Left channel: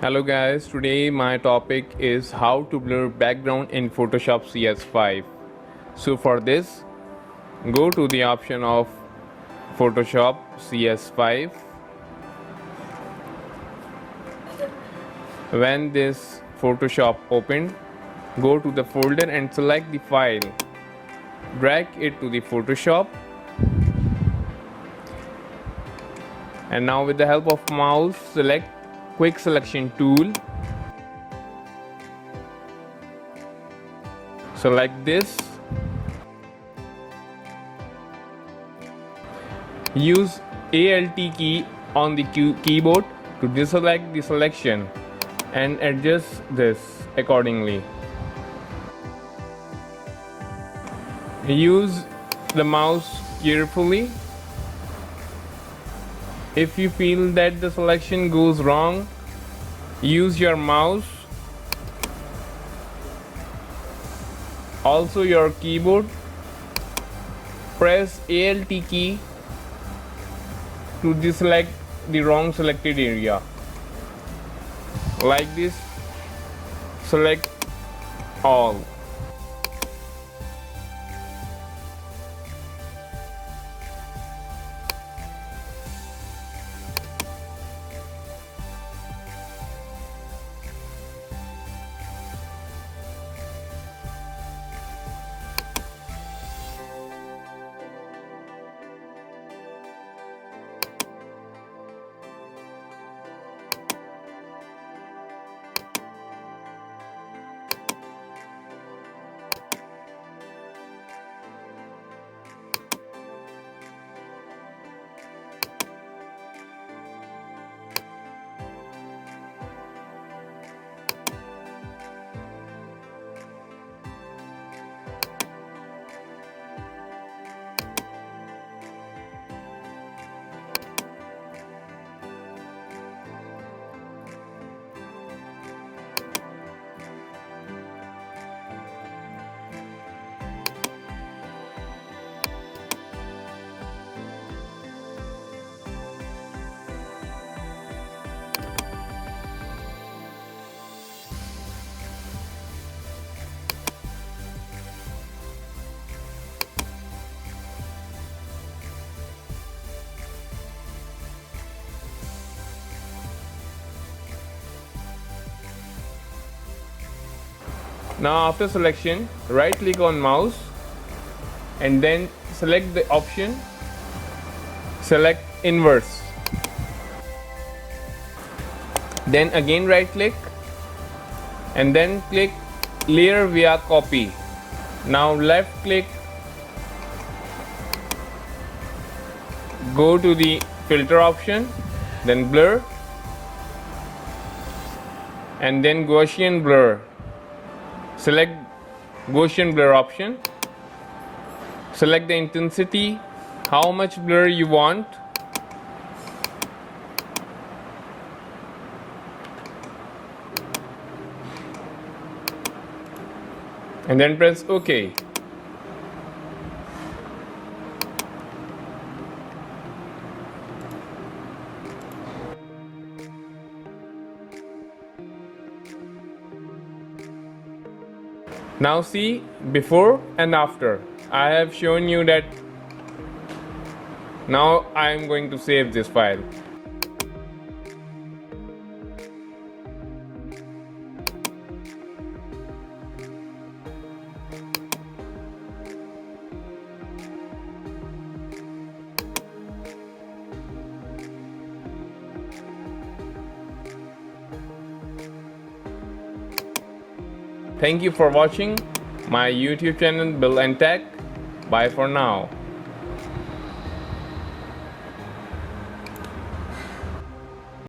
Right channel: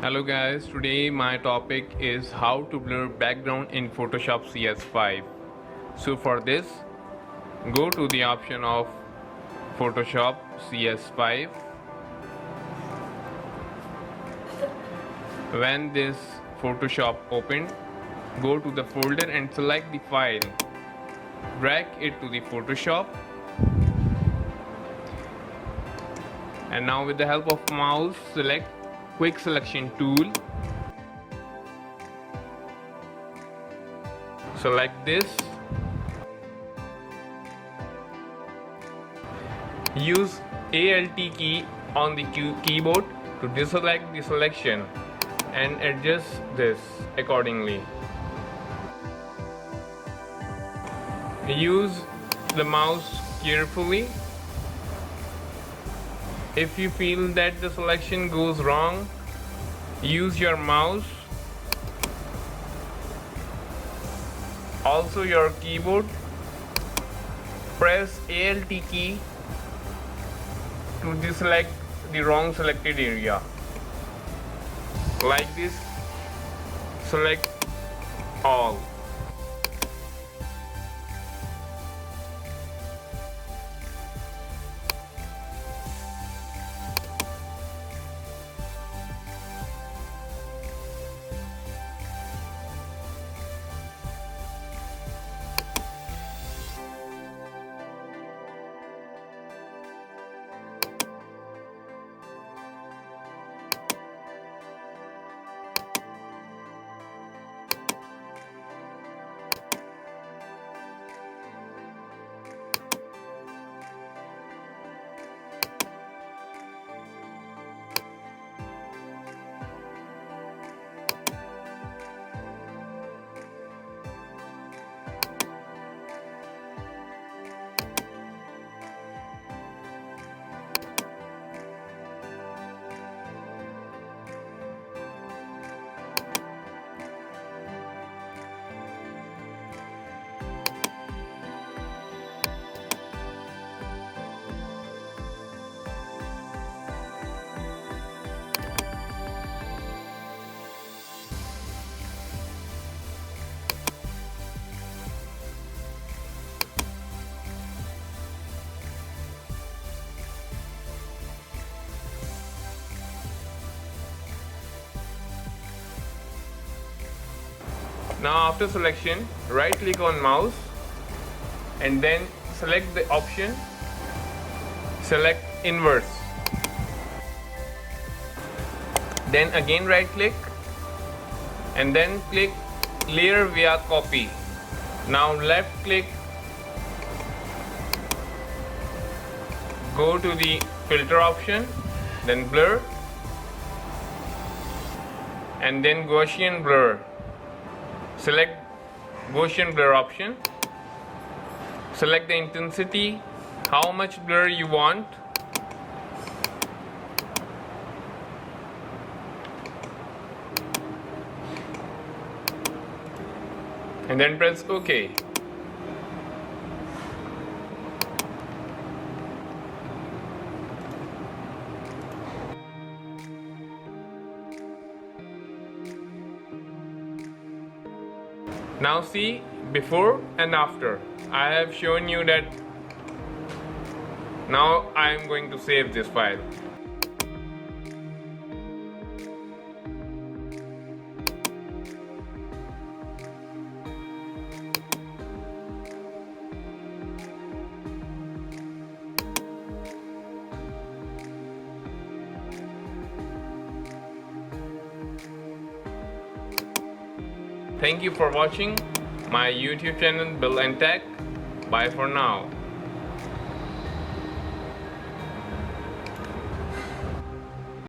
Hello guys, today my topic is how to blur background in Photoshop CS5. So for this, go to the option of Photoshop CS5. When this Photoshop opened, go to the folder and select the file. Drag it to the Photoshop. And now with the help of mouse, select Quick Selection tool. Select this. Use Alt key on the keyboard to deselect the selection and adjust this accordingly. Use the mouse carefully. If you feel that the selection goes wrong, use your mouse, also your keyboard. Press Alt key to deselect the wrong selected area. Like this, select all. Now after selection, right click on mouse and then select the option, select inverse. Then again right click and then click layer via copy. Now left click, go to the filter option, then blur and then Gaussian blur. Select Gaussian blur option. Select the intensity, how much blur you want. And then press OK. Now see before and after. I have shown you that. Now I am going to save this file. Thank you for watching my YouTube channel Bill and Tech. Bye for now.